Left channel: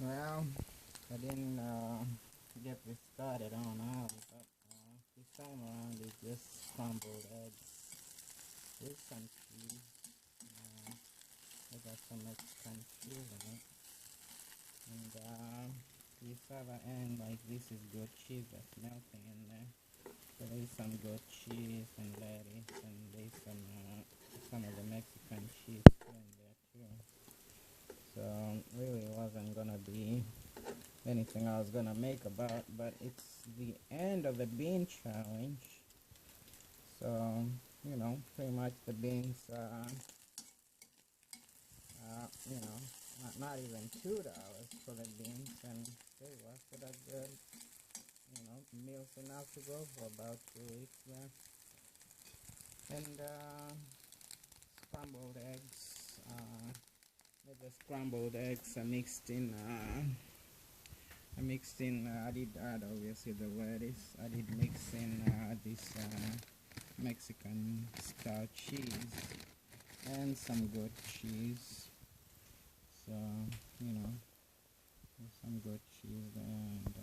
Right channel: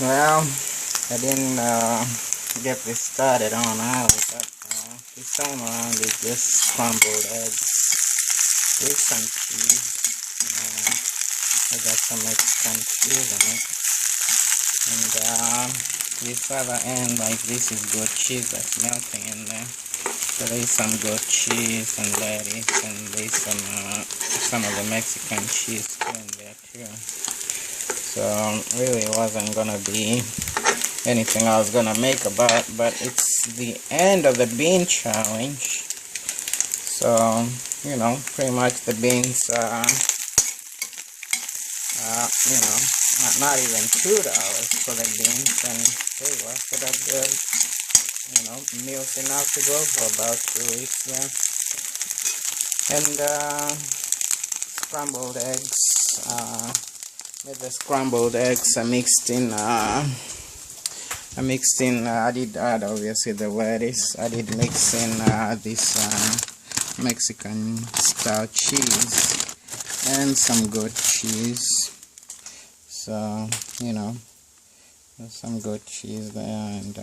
Well, I didn't get this started on early, but this time around it's just scrambled eggs with some cheese. I got some Mexican cheese in it. And this other end, like this is goat cheese that's melting in there. So there's some goat cheese and lettuce, and there's some of the Mexican cheese too in there too. So really it wasn't gonna be anything I was gonna make about, but it's the end of the bean challenge. So pretty much the beans not even $2 for the beans, and they lasted a good meals enough to go for about 2 weeks there. And scrambled eggs, with the scrambled eggs I did add obviously the lettuce. I did mix in this Mexican style cheese and some goat cheese. So there's some goat cheese there, and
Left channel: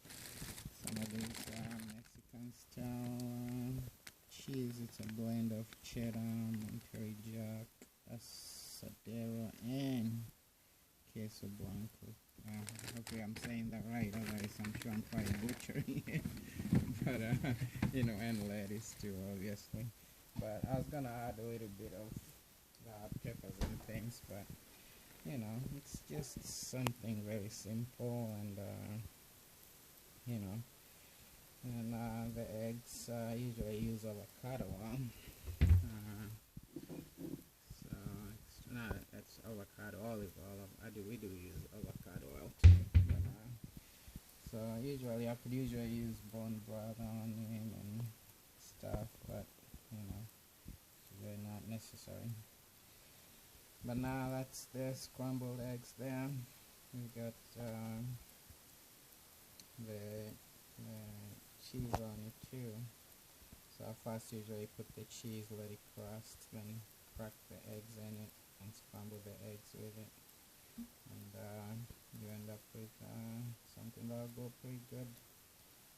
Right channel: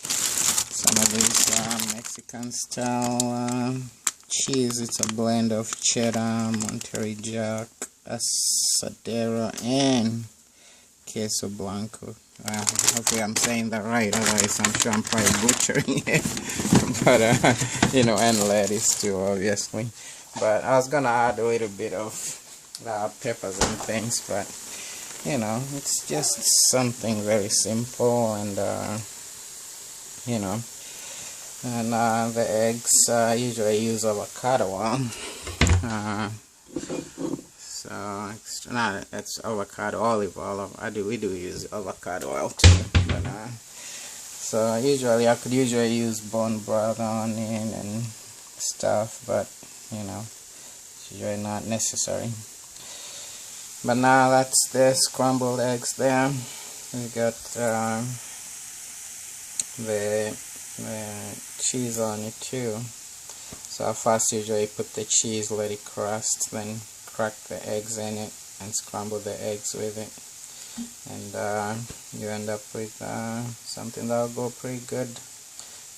some of this Mexican style cheese. It's a blend of cheddar, Monterey Jack, asadero, and queso blanco. Hopefully I'm saying that right, otherwise I'm sure I'm probably butchering it. But and lettuce too, obviously. But I was gonna add a little bit of peppers and things, but it's just something very simple. And the eggs, I usually use avocado oil. So it's avocado olive oil. We do use avocado oil too. But so I could usually use bone broth onion and stuff, but it's usually not necessary. But now that's the scrambled eggs there. We got the cheese on it too. So I first usually put the cheese, let it crust, then crack the eggs in it and scramble the eggs with it, and you end up with something that'll go pretty good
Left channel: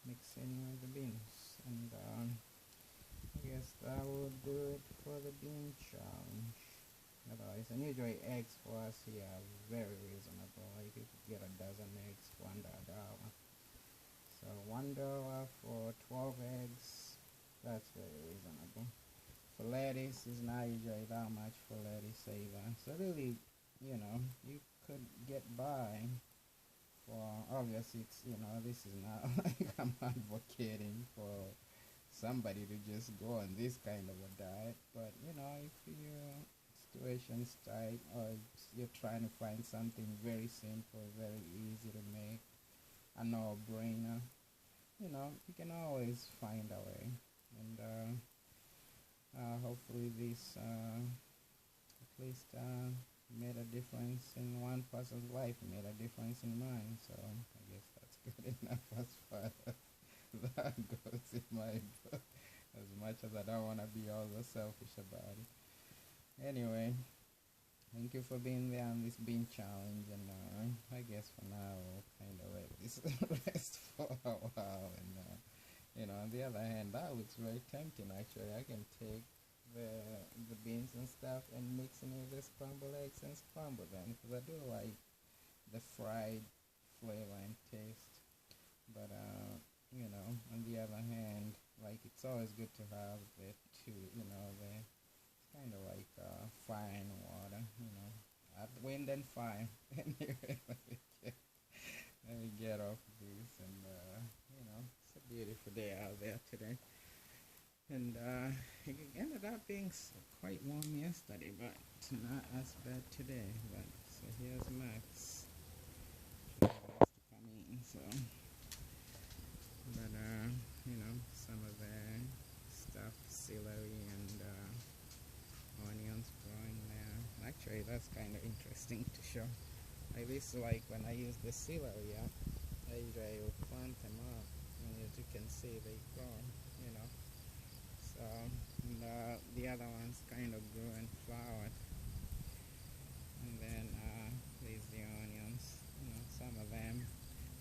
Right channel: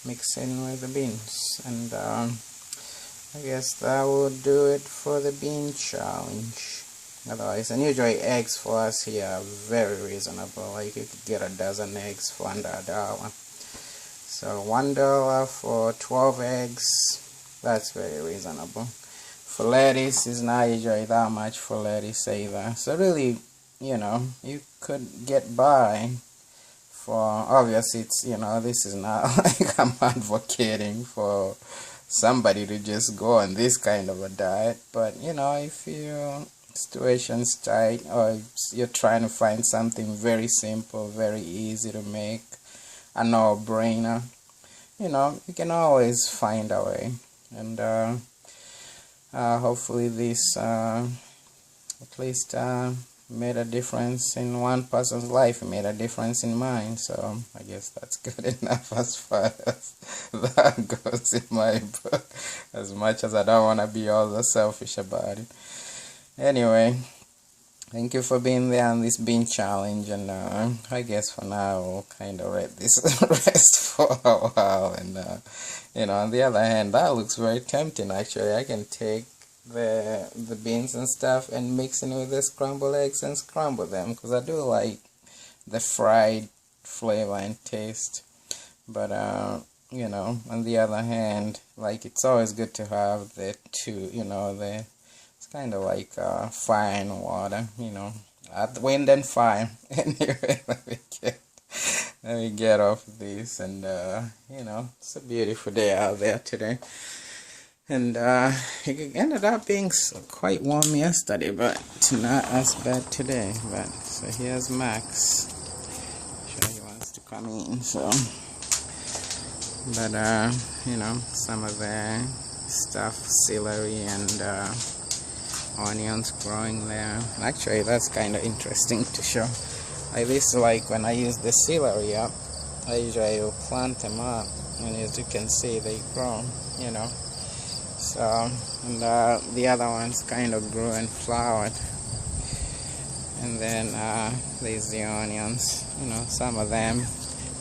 mixing with the beans. And I guess that will do it for the bean challenge. Otherwise, and usually eggs for us here are very reasonable. Like you could get a dozen eggs for under $1. So $1 for 12 eggs, that's very reasonable. For lettuce, is not usually that much for lettuce either. So really, you could get by for, obviously it's, this is not like I'm advocating for somebody to just go on this kind of a diet. But, if your situation's tight, or you're trying to find something very simple, very easy to make, a no-brainer, you can always find a way. And hopefully this at least made a difference in one person's life. It made a difference in mine, so I guess that's good enough as far as that goes in my book, as much as I don't want to be all that selfish about it. Anyway, thank you for being there on this bean challenge, and I guess for now we'll kind of let this rest for a while. And on the other hand, that looks very tempting. Actually, I can take the beans and stuff and mix it with the scrambled eggs and scramble them, because I do like the fried flavor and taste. But on the other hand, like, it's always good to have the two, it's kind of like fire and water, wind and fire. Anyway, let me get off this, and it's a beautiful day out there today. And it ended up being quite warm yesterday, but not as bad today. But so here's Max. Sure, he wants to come in. So, but some of the stuff, celery and onions growing there. Actually, that's kind of interesting to show. Like this, like when I use the celery up, I usually will plant them up, and as you can see, they grow. So, and the other ones kind of grew and flowered. And then there's the onions. You know, some of them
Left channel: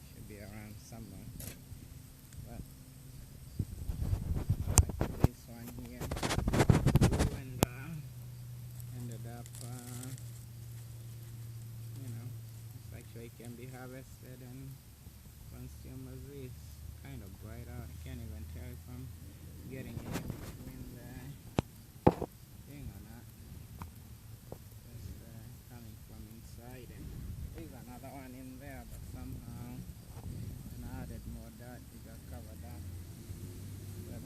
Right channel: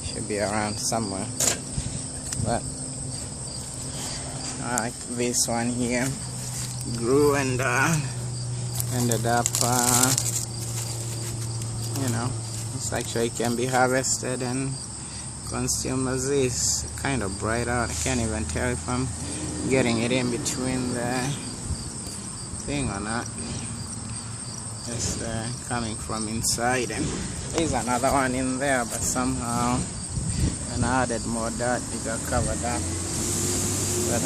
should be around somewhere, but this one here grew and ended up you know, it's actually can be harvested and consumed as is. Kind of bright out. I can't even tell if I'm getting it in between the thing or not. It's coming from inside, and there's another one in there, but somehow when I added more dirt it got covered up. But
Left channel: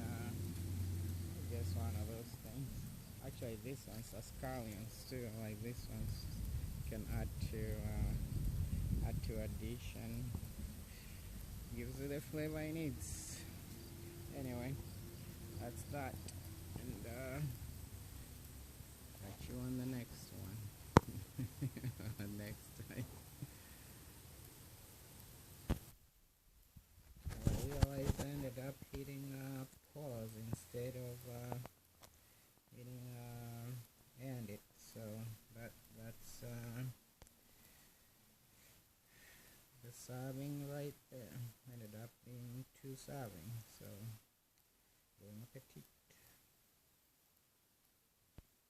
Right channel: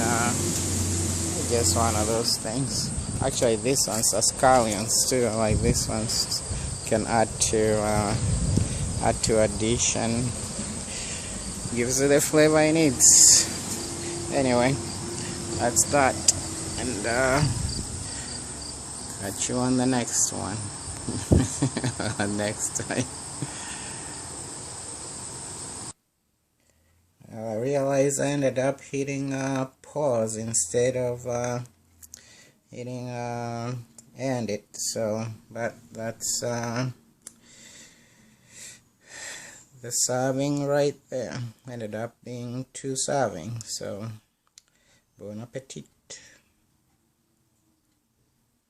just one of those things. Actually, this one's are scallions too. Like this one's can add to a dish and gives it the flavor it needs. Anyway, that's that, and catch you on the next one. Next time. I realized I ended up hitting pause instead of hitting end it, so but that's the serving right there. Ended up being 2 servings, so bon appetit.